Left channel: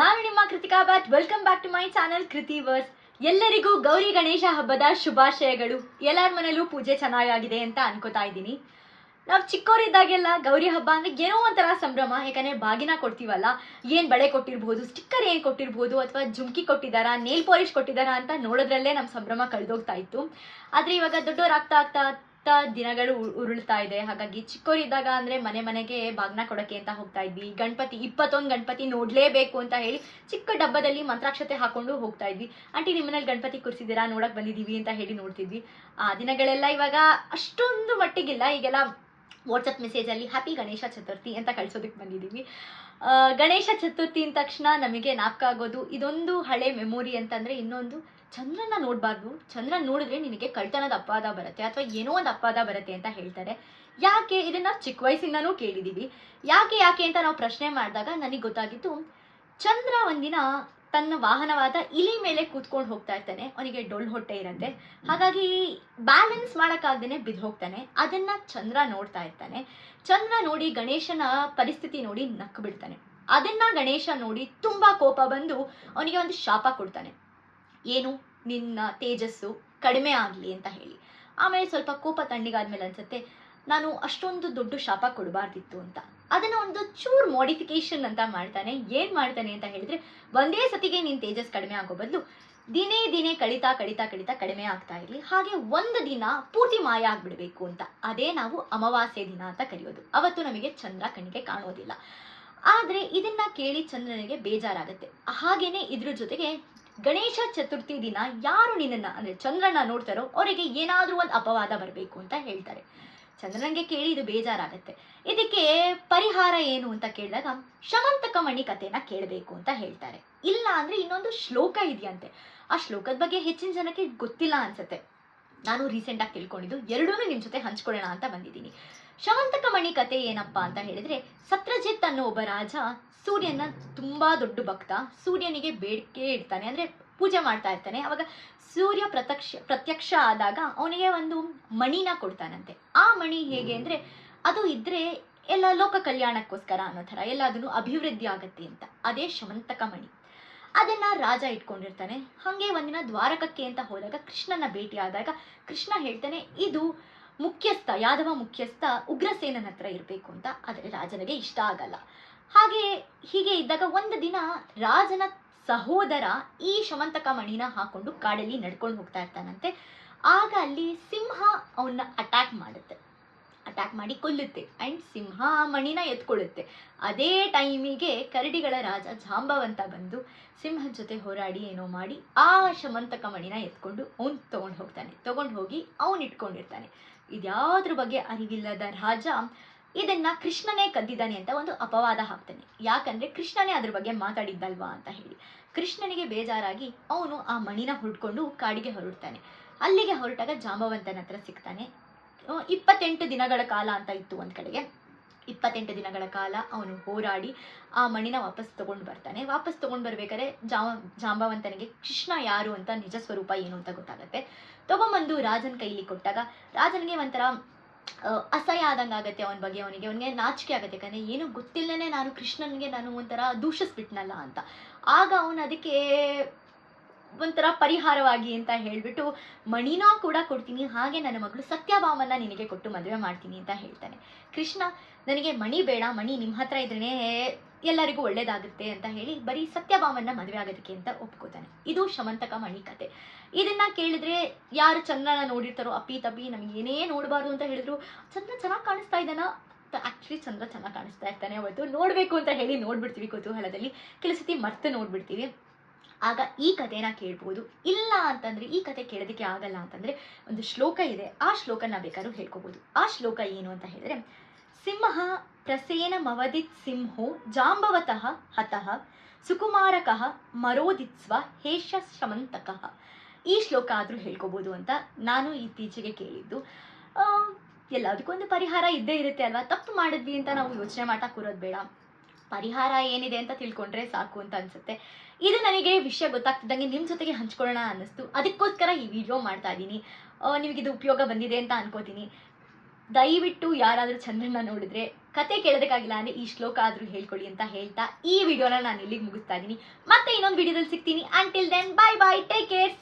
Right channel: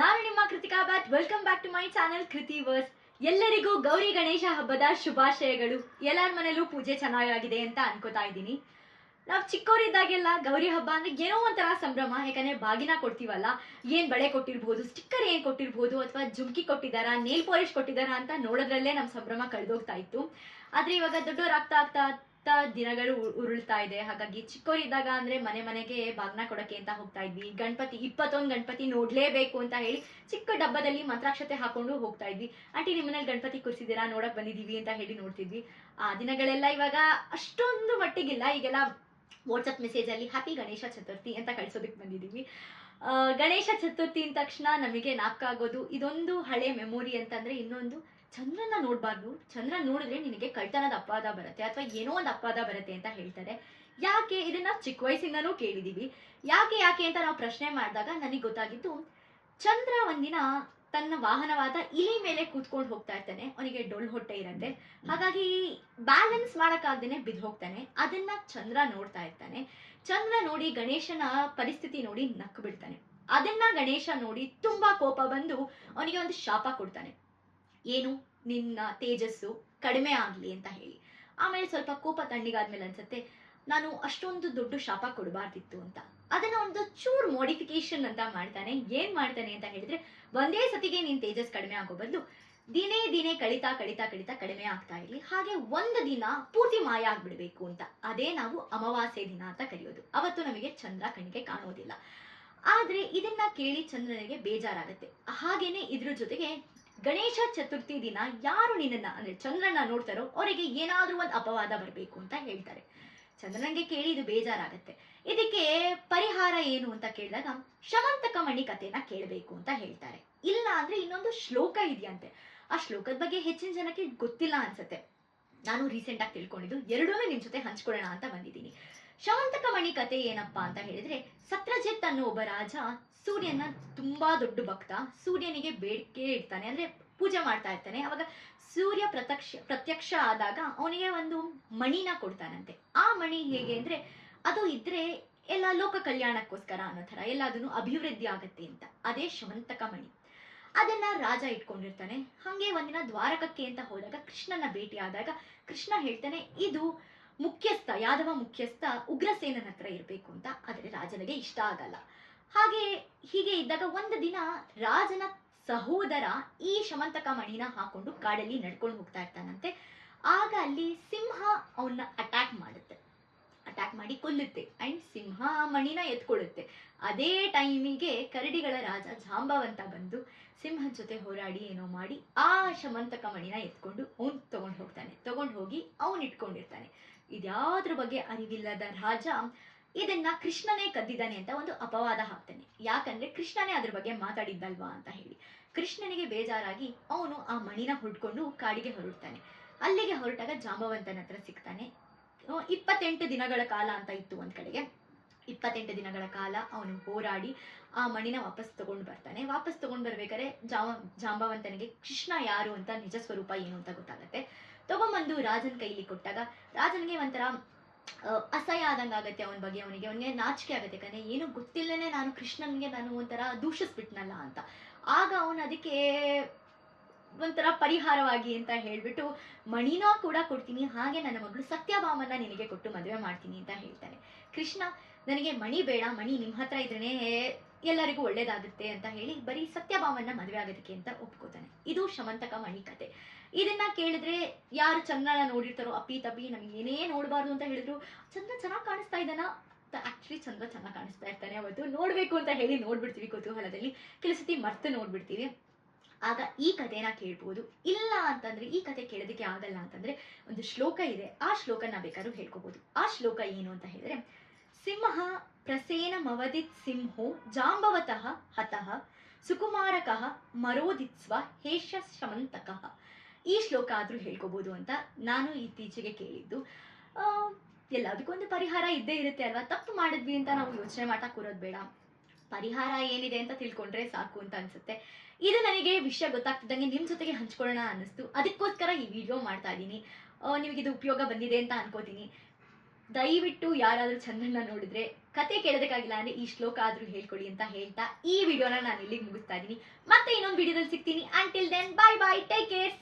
ನಾನು ನಿಮ್ಮ Krithika Bhat. Welcome back to my channel Kritiverse. ಎಲ್ಲರಿಗೂ ಗೌರಿ ಗಣೇಶ ಹಬ್ಬದ ಶುಭಾಶಯಗಳು. ಎಲ್ಲರ ಮನೇಲೂ ಪೂಜೆ ಚೆನ್ನಾಗಿದೆ ಅಂತ ಅನ್ಕೋತಾ ಇದ್ದೀನಿ. ನಾವು ಚಿಕ್ಕವರಿದ್ದಾಗೆಲ್ಲ ಗೌರಿ ಹಬ್ಬ ಅಂದ್ರೆ ಏನೋ ಒಂಥರ ಸಂಭ್ರಮ. ಯಾಕಂದ್ರೆ ಬಾಗಿನ ಕೊಡ್ತೀವಲ್ಲ, ಏನ್ ಬಳೆ ಕೊಟ್ಟಿರ್ಬೋದು, ಸ್ಟಿಕ್ಕರ್ ಏನ್ ಕೊಟ್ಟಿರ್ಬೋದು, ಅಥವಾ ಜುಮ್ಕಿ ಕೊಟ್ಟಿದ್ದಾರಾ, ನೇಲ್ ಪಾಲಿಶ್ ಕೊಟ್ಟಿದ್ದಾರಾ ಅಂತ ನೋಡೋದ್ರಲ್ಲೇ ನಮ್ಮ ಸಂಭ್ರಮ ಕಳೆದೋಗ್ತಾ ಇತ್ತು. ಆದ್ರೆ ಇವಾಗ ದೊಡ್ಡವರಾಗ್ತಾ ಆಗ್ತಾ ದಿನಗಳು ಉರುಳ್ತಾ ಇದೆ. ಹಾಗಾಗಿ ಚಿಕ್ಕವರಿದ್ದಾಗ ಅಂದ್ರೆ ಮನೆ ಮನೆಗೆ ಬಾಗ್ನ ಕೊಡಕ್ಕೆ ಅಂತ ಹೋಗ್ತಾ ಇದ್ವಿ. ಗಣಪತಿ 21 ಗಣಪತಿ ನೋಡ್ಲೇಬೇಕು ಅಂತ ಹೇಳಿ ಚಿಕ್ಕ ಡಬ್ಬದಲ್ಲಿ ಮಂತ್ರಾಕ್ಷತೆ ಹಾಕೊಂಡು ಹೋಗ್ತಾ ಇದ್ವಿ. ಆಂಟಿ ನಿಮ್ಮನೇಲಿ ಗಣಪತಿ ಕೂರಿಸಿದ್ದೀರಾ, ನೋಡಕ್ ಬಂದಿದೀವಿ ಅಂತ ಹೇಳಿ ನೋಡ್ತಿದ್ವಿ. ಆ ದಿನಗಳೆಲ್ಲ ಇವಾಗ ಅಷ್ಟೊಂದು ಮಟ್ಟಿಗಿಲ್ಲ. ಈಗೆಲ್ಲ ವಾಟ್ಸಪ್ ಮೆಸೇಜ್ ಅಲ್ಲಿ ಹ್ಯಾಪಿ ಗಣೇಶ ಚತುರ್ಥಿ ಅಂತ ಕಳ್ಸೋದಕ್ಕೆ ಬಂದಿದ್ದೀವಿ. ಗಣೇಶ ಚತುರ್ಥಿ ಅಂದ ತಕ್ಷಣ ನಮಗೆ ಜ್ಞಾಪಕ ಆಗೋದು ಇದೊಂದು ಹಳೆ ಮೆಮೊರಿ ಅಂತಂದ್ರೆ, ಇನ್ನೊಂದು ಚಂದ್ರನ ನೋಡಬಾರ್ದು, ಚಂದ್ರನ ನೋಡಿದ್ರೆ ನಿನಗೆ ಕಳ್ತನದ ಅಪವಾದ ಬರುತ್ತೆ ಅಥವಾ ಏನೋ ಒಂದು ಅಪವಾದ ಬರುತ್ತೆ ಅಂತ ಹೇಳ್ತಾರೆ. ಯಾಕೆ ಇದನ್ನ ಚಿಕ್ಕ ವಯಸ್ಸಿಂದನೂ ಕೇಳಿದೀವಿ. ಯಾಕೆ ಅಂತ ನಾವು ಪ್ರಶ್ನೆ ಮಾಡಿದಾಗ ನನಗೆ ಗೊತ್ತಾಗಿದ್ದು, ಚಂದ್ರ ಒಂದಿನ ತನ್ನ ವಾಹನವಾದ ಇಲಿ ಮೇಲೆ ಕೂತ್ಕೊಂಡು ಹೋಗ್ತಾ ಇರ್ತಾನೆ. ಅವನಿಗೆ ಡೊಳ್ಳು ಹೊಟ್ಟೆ ಇರುತ್ತೆ. ಹಾಗಾಗಿ ಬ್ಯಾಲೆನ್ಸ್ ಮಾಡೋಕ್ಕಾಗ್ದೇನೆ ಬಿದ್ದು ಹೋಗ್ತಾನೆ. ಅದನ್ನ ಚಂದ್ರ ನೋಡ್ತಾ ಇರ್ತಾನೆ. ಚಂದ್ರ ನೋಡಿ ಗಣೇಶನ ಪರಿಸ್ಥಿತಿ ನೋಡಿ ನಕ್ಕು ಬಿಡ್ತಾನೆ. ಅದನ್ನ ಗಣೇಶ ನೋಡಿ ತುಂಬಾ ಕೋಪ ಬಂದು ಅವನಿಗೆ ಒಂದು ಶಾಪ ಕೊಡ್ತಾನೆ. ಏನು, ನಿನ್ನ ತೇಜಸ್ಸು ಕಡಿಮೆ ಆಗಲಿ ಅಂತ ಹೇಳಿ. ಆಮೇಲೆ ಸ್ವಲ್ಪ ಕೋಪ ತಣ್ಣಗಾದ್ಮೇಲೆ ಅನ್ಸುತ್ತೆ, ನಾನು ಅಷ್ಟೊಂದು ದೊಡ್ಡ ಶಾಪ ಕೊಡಬಾರ್ದಿತ್ತು ಅಂತ. ಅದನ್ನ ಒಂದು ಚೂರ್ ಮಾಡಿಫಿಕೇಶನ್ ಅಂತ ಮಾಡ್ತಾನೆ. ಏನ್ ಮಾಡ್ತಾನೆ ಅಂತ ಹೇಳಿದ್ರೆ, ಒಂದೇ ಸತಿಗೆ ನೀನ್ ತೇಜಸ್ ಕಡಿಮೆ ಆಗೋ ಬದಲು ದಿನೇ ಕಳಿತಾ ಕಡಿಮೆ ಆಗ್ತಾ ಇರಲಿ. ಹಾಗೆ ಒಂದು ದಿನ ಪೂರ್ತಿ ಮಾಯ ಆಗ್ಬಿಡ್ಬೇಕು ಅಂತ. ಅದೇ ನಾವು ಅಮಾವಾಸ್ಯೆ ದಿನ ಅಂತ ಕರೆಯೋದು. ಅವತ್ತು ನಮಗೆ ಚಂದ್ರ ಕಣ್ಣಿಗೆ ಕಾಣೋದಿಲ್ಲ. ಆದ್ರೆ ಇದನ್ನ ಕೇಳಿ ಚಂದ್ರನಿಗೆ ಬೇಜಾರಾಗತ್ತೆ. ಹಾಗೇನೆ ಇದ್ರ ಜೊತೆಗೆ ಗಣೇಶ ಚತುರ್ಥಿ ದಿನ ಯಾರು ನಿನ್ನನ್ನ ಅಂದ್ರೆ ಚಂದ್ರನ ನೋಡ್ತಾರೋ ಅವರಿಗೆ ಏನಾದ್ರೂ ಒಂದು ಅಪವಾದ ಬರಬೇಕು ಅಂತ ಹೇಳ್ತಾರೆ. ಚಂದ್ರನಿಗೆ ಕೇಳಿ ಇದು ಬೇಜಾರಾಗತ್ತೆ. ಇದಕ್ಕೆ ಪರಿಹಾರ ಏನು ಅಂತ ಕೇಳಿದಾಗ ಶಮಂತಕ ಮಣಿ ಕಥೆನ ಕೇಳಬೇಕು ಅಂತ ಹೇಳ್ತಾರೆ. ಇಲ್ಲ ಅಂದ್ರೆ ಇನ್ನೊಂದು ಶ್ಲೋಕ ಇದೆಯಂತೆ. ಆ ಶ್ಲೋಕದ ಬಗ್ಗೆ ಹೆಚ್ಚಿನ ಜನಕ್ಕೆ ಗೊತ್ತಿಲ್ಲ ಅನ್ಸುತ್ತೆ. ನಾನು ರೀಸೆಂಟ್ ಆಗಿ ತಿಳ್ಕೊಂಡಿದ್ದು ಎರಡೂ ನಿಮ್ ಜೊತೆ ಹಂಚ್ಕೊಳ್ಳೋಣ ಅಂತ ಬಂದಿದ್ದೀನಿ. ಶಮಂತಕ ಮಣಿ ಕಥೆ ಏನಪ್ಪಾ ಅಂತ ಹೇಳಿದ್ರೆ, ಸತ್ರಜಿತ್ ಅನ್ನೋ ಒಬ್ಬ ರಾಜ ಸೂರ್ಯನ ತುಂಬಾ ದೊಡ್ಡ ಭಕ್ತ. ಸೂರ್ಯನಿಗೆ ಬೇಡಿಕೆ ಇಡ್ತಾನೆ, ಅಂದ್ರೆ ಪೂಜೆ ಮಾಡ್ತಾ ಇರ್ತಾನೆ. ಅವಾಗ ಸೂರ್ಯ ಪ್ರತ್ಯಕ್ಷ ಆದಾಗ ಅವನಿಗೆ ಒಂದು ಮಣಿನ ಕೊಡ್ತಾನಂತೆ. ಆ ಮಣಿ ಹೇಗೆ ಅಂದ್ರೆ, ಅದು ಇದ್ರೆ ಎಲ್ಲ ಲೋಕ ಕಲ್ಯಾಣಕ್ಕೋಸ್ಕರ ಅನ್ನೋ ತರ ಎಲ್ಲದನ್ನು ಅಭಿವೃದ್ಧಿ ಆಗತ್ತೆ ಅಂತ. ಅದೇ ಶಮಂತಕ ಮಣಿ. ಅದನ್ನ ರಾಜ ಇಟ್ಕೊಂಡಿರ್ತಾನೆ. ಹಂಗೆ ಒಂದಿನ ದ್ವಾರಕಕ್ಕೆ ಅಂತ ಹೋದಾಗ ಕೃಷ್ಣನ ಭೇಟಿ ಆದಾಗ ಕೃಷ್ಣ ಹೇಳ್ತಾನೆ, ಇದು ಯಾದವ ಮುಖ್ಯಸ್ಥ ಉಗ್ರಸೇನನ ಹತ್ರ ಇರ್ಬೇಕು ಅಂತ. ಆದರೆ ರಾಜನಿಗೆ ಇಷ್ಟ ಆಗಲ್ಲ. ಹೀಗೆ ಇದ್ದಾಗ ಒಂದು ದಿನ ರಾಜನ ಸಹೋದರ ಈ ಶಮಂತಕ ಮಣಿನ ಹಾಕೊಂಡು ಕಾಡಲ್ಲಿ ನಡ್ಕೊಂಡು ಹೋಗ್ತಾ ಇರ್ತಾನಂತೆ. ಆಗ ಅಲ್ಲಿ ಸಿಂಹ ಅವನ್ನ ಅಟ್ಯಾಕ್ ಮಾಡಿ ಕೊಲ್ಲುತ್ತೆ. ಅಂಡ್ ಸಿಂಹ ಆ ಮಣಿನ ಎತ್ಕೊಳ್ಳುತ್ತೆ. ಅದೇ ಟೈಮಿಗೆ ಕರಡಿಗಳ ರಾಜ ಜಾಂಬವಂತ ಬಂದು ಸಿಂಹದ ಜೊತೆ ಹೋರಾಡಿ ಏನೋ ಮಾಡಿ ಆ ಶಮಂತಕ ಮಣಿನ ಎತ್ಕೊಂಡು ಅವನ್ ತಗೊಂಡು ಹೋಗಿ ಅವನ್ ಇಟ್ಕೊಂಡಿರ್ತಾನೆ. ಇದ್ಯಾವ್ದ್ರ ಬಗ್ಗೆ ಅರಿವಿಲ್ಲದ ರಾಜ ಇದನ್ನ ಕೃಷ್ಣನೇ ಕದ್ದಿದ್ದಾನೆ ಅಂತ ಒಂದು ಅಪವಾದ ಹಾಕ್ತಾನೆ. ಯಾಕಂದ್ರೆ ಕೃಷ್ಣನೇ ಅದ್ರ ಬಗ್ಗೆ ಮಾತಾಡಿದ್ದಲ್ವಾ ಅಂತ ಹೇಳಿ. ಕೃಷ್ಣನಿಗೆ ಬೇಜಾರಾಗಿ ಅವನು ಆ ಮಣಿನ ಹುಡ್ಕೊಂಡು ಕಾಡಿಗೆ ಹೊರಡ್ತಾನೆ. ಅಲ್ಲಿಗೆ ಹೊರಟಾಗ ಜಾಂಬವಂತನ ಹತ್ರ ಸಿಗ್ತಾನೆ. 28 ದಿನಗಳ ಕಾಲ ಅಂತ ಇತ್ತು ಒಂದ್ ಕಡೆಗೆ. 28 ದಿನಗಳ ಕಾಲ ಅವನು ಹೋರಾಡಿ ಆ ಮಣಿನ ವಾಪಸ್ ತಗೊಂಡು ಬರ್ತಾನೆ. ವಾಪಸ್ ತಗೊಂಡ್ ಬರ್ಬೇಕಾದ್ರೆ ಜಾಂಬವಂತನಿಗೆ ಕೃಷ್ಣ ಯಾರು ಅಂತ, ನಿಜ ಸ್ವರೂಪ ಏನು ಅಂತ ಗೊತ್ತಾಗತ್ತೆ. ತಗೊಂಬಂದು ರಾಜನ ಕೈಲಿ ಕೊಟ್ಟಾಗ ರಾಜನಿಗೆ ಒಂಥರ ಅಸಹ್ಯ ಆದಂಗೆ ಆಗತ್ತೆ. ಅವನಿಗೆ ನಾಚಿಕೆ ಆಗತ್ತೆ. ಯಾಕಂದ್ರೆ ಏನು ಗೊತ್ತಿಲ್ಲನೆ ನಾನು ಕೃಷ್ಣನ್ಗೆ ನಾನು ಒಂಥರ ದೂಷಿಸ್ಬಿಟ್ನಲ್ಲ ಅಂತ. ಆಗ ಅವನು ಅದಕ್ಕೆ ಒಂಥರ ಪರಿಹಾರವಾಗಿ ಅಂತ ಹೇಳ್ಬಿಟ್ಟು ಮಣಿನ ಕೂಡ ಕೊಡ್ತೀನಿ, ಹಾಗೆ ನನ್ನ ಮಗಳು ಸತ್ಯಭಾಮನ್ನ ನಿನಗೆ ಕೊಟ್ಟು ಮದುವೆ ಮಾಡ್ತೀನಿ ಅಂತ ಹೇಳ್ತಾನೆ. ಕೃಷ್ಣ, ನನಗೆ ಮಣಿ ಬೇಡ, ಮಣಿ ನಿಮ್ಮ ಹತ್ರ ಇದ್ರೇನೆ ಎಲ್ಲರಿಗೂ ಒಳ್ಳೇದಾಗುತ್ತೆ ಅಂತ ಹೇಳಿ ಬರೀ ಸತ್ಯಭಾಮನ್ನ ಮದುವೆ ಆಗೋದಕ್ಕೆ ಅಂತ ಒಪ್ಕೋತಾನೆ. ಇದು ಶಮಂತಕ ಮಣಿ ಕತೆ. ಇದನ್ನ ಕೇಳಿದ್ರೆ ಯಾರು ಚಂದ್ರನ ನೋಡಿರ್ತಾರೋ ಅಪ್ಪಿ ತಪ್ಪಿ ನಮ್ಗೆ ಏನೇ ನೋಡಬಾರ್ದು ಅಂತ ಹೇಳಿದ್ರು, ಚಂದ್ರ ಚೆನ್ನಾಗಿ ಕಾಣಿಸ್ತಾ ಇದ್ದಾನ. ಆಕ್ಚುಲಿ ಚಂದ್ರ ಚೆನ್ನಾಗಿ ಕಾಣಿಸ್ತಾ ಇರ್ತಾನೆ. ಅವತ್ತು ನೋಡ್ಬೇಕು ಅಂತ ಹೇಳಿ ನೋಡ್ಬಿಡ್ತೀವಿ ಕುತೂಹಲದಲ್ಲಿ, ಕೆಲವು ಸತಿ ಮರ್ತು ನೋಡ್ಬಿಡ್ತೀವಿ. ಆಗ ಈ ಕಥೆನ ಕೇಳ್ಬೋದು. ಇಲ್ಲ ಅಂತಂದ್ರೆ ಈ ಕತೆ ಕೇಳೋದಕ್ಕೆ ಆಗಲ್ಲ ಅಂತಂದ್ರೆ ಒಂದು ಶ್ಲೋಕ ಇದೆ. ಆ ಶ್ಲೋಕನ ಬೇಕಾದ್ರೂ ಹೇಳ್ಕೋಬಹುದು. ಆ ಶ್ಲೋಕ ಏನು ಅಂತ ಹೇಳಿದ್ರೆ, ಸಿಂಹ ಪ್ರಸೇನ ಮವದಿತ್ ಸಿಂಹೋ ಜಾಂಬವತಃ ಹತಃ ಸುಕುಮಾರಕಃ ಮರೋದಿತ್ಸ್ವ ಹೇಷ ಶಮಂತಕಃ. ಈ ಶ್ಲೋಕ ಆದ್ರೂ ಹೇಳ್ಕೋಬಹುದು ಅಂತ ನಾನು ಇತ್ತೀಚೆಗೆ ಕೇಳಿದ್ದು. ಎಲ್ಲದಕ್ಕೂ ಒಂದು ಪರಿಹಾರ ಇದ್ದೇ ಇರುತ್ತೆ ಅಲ್ವಾ. ತಪ್ಪು ಮಾಡಿದ್ವಿ ಅಂತ ನಾವು ಯೋಚನೆ ಮಾಡ್ತಾ ಕೂರೋದು ಬೇಡ. ಪರಿಹಾರ ಏನಿದೆ ಅಂತ ತಿಳ್ಕೊಂಡ್ರೆ ಸಾಕು ಅಂತ ಅನ್ಸುತ್ತೆ. ಇದು ನನಗೆ ವಿಷಯ ಗೊತ್ತಾಗ್ತಿದ್ದಂಗೆ ನಿಮ್ಮ ಜೊತೆಗೆ ಹಂಚ್ಕೊಳ್ಳೋಣ ಅನ್ನಿಸ್ತು. ಅದಕ್ಕೋಸ್ಕರ ಈ ವಿಡಿಯೋ ಮಾಡ್ತಾ ಇದ್ದೀನಿ. ನಿಮಗಿದು ಉಪಯೋಗ ಬಂದಿದೆ ಅಂತ ಅನ್ಕೋತೀನಿ. ದಯವಿಟ್ಟು ಯಾರಾದರೂ ಚಂದ್ರನ ನೋಡಿದ್ರೆ ಕತೆ ಕೇಳೋದಕ್ಕಾಗಿಲ್ಲ ಅಂದರೆ ಈ ಶ್ಲೋಕ ಆದರೂ ಹೇಳ್ಕೊಳ್ಳಿ ಅಂತ ಹೇಳ್ತಾ ಈ ವಿಡಿಯೋನ ನಾನು ಇಲ್ಲಿಗೆ ಮುಗಿಸ್ತಾ ಇದ್ದೀನಿ. ಮತ್ತೆ ಇನ್ನೊಂದು ವಿಡಿಯೋದಲ್ಲಿ ಸಿಗ್ತೀನಿ. Until then, bye bye, take care.